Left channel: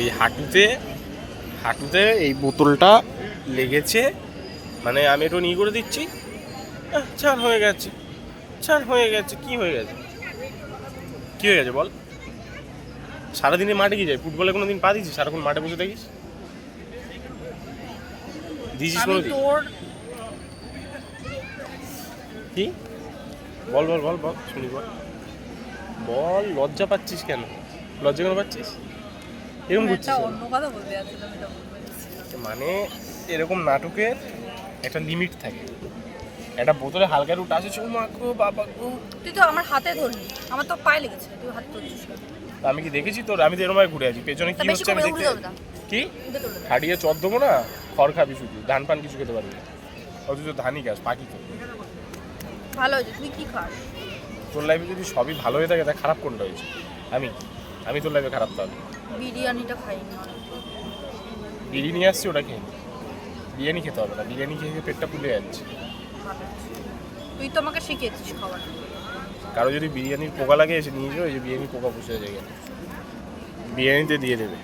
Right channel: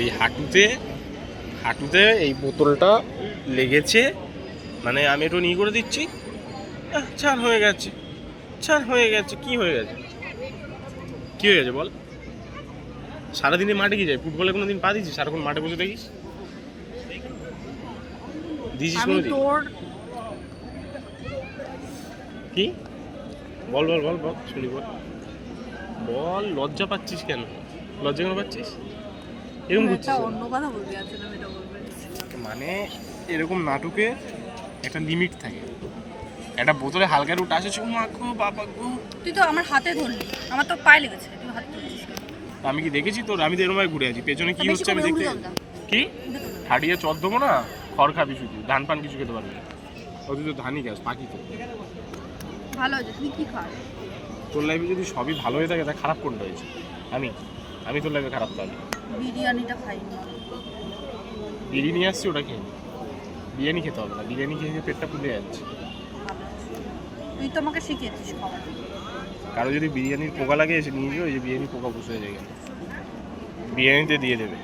এই হাঁটুতে এই বোতলটা লেগেছে, মানে আমি একটু নিয়ে করে দিচ্ছি, ছাড় হয়ে গেছে, কি হয়ে গেছে বল? সারাদিনে মাঠে কি যায়? ফুটবলে কোনো দিন পা দিয়েছিস? সারাক্ষণ মাঠে বসে থাকিস? দিয়েছিস কোনো দিন? কি বল বল বল বল শুনি বল লজ্জা পাচ্ছিস কেন? লজ্জা কেন পাচ্ছিস? এরকম করছিস মানে এরকম নাটকে একটা লিমিট থাকে। একটা বোতলে হালকা একটু টাচ আছে, মা গো বাবা গো, তুই তো আমার হাতে ধরলি, আমার তো পায়ে লেগেছে, তুই হাতে ধরছিস কেন? আমি কি দেখেছি তোর? আমি তো এরকম ঘুরে আছি, পেছনে কি হচ্ছে আমি দেখতে কি হাঁটিয়ে চট দেবো না? খড় খাবি শুধু, ধান পান কিছু খেতে পারবি না। তুই তো ধানই গাছ, পাখি তো। ভালো হয়েছে, তুই কি খাস? তোর লাইফে যদি সবই ভালো হয়ে থাকে তা খারাপ কোনটা হয়েছে? আমি তোর লাইফে খারাপ তাহলে? বিরিয়ানিটা খাই না। বিরিয়ানি আসছি, ওটা খেয়ে বিরিয়ানি খেতে হবে না, বিরিয়ানি খেয়ে পেটটা ফুলে যাচ্ছে। তুই তো আমাকে শিখিয়েছিস খাবার। কারো যদি বিরিয়ানির পোকা লাগে এসে নিয়ে যাও, এই যে বিরিয়ানির পোকা বসে যায়, বিরিয়ানিতে দিয়ে দেবে।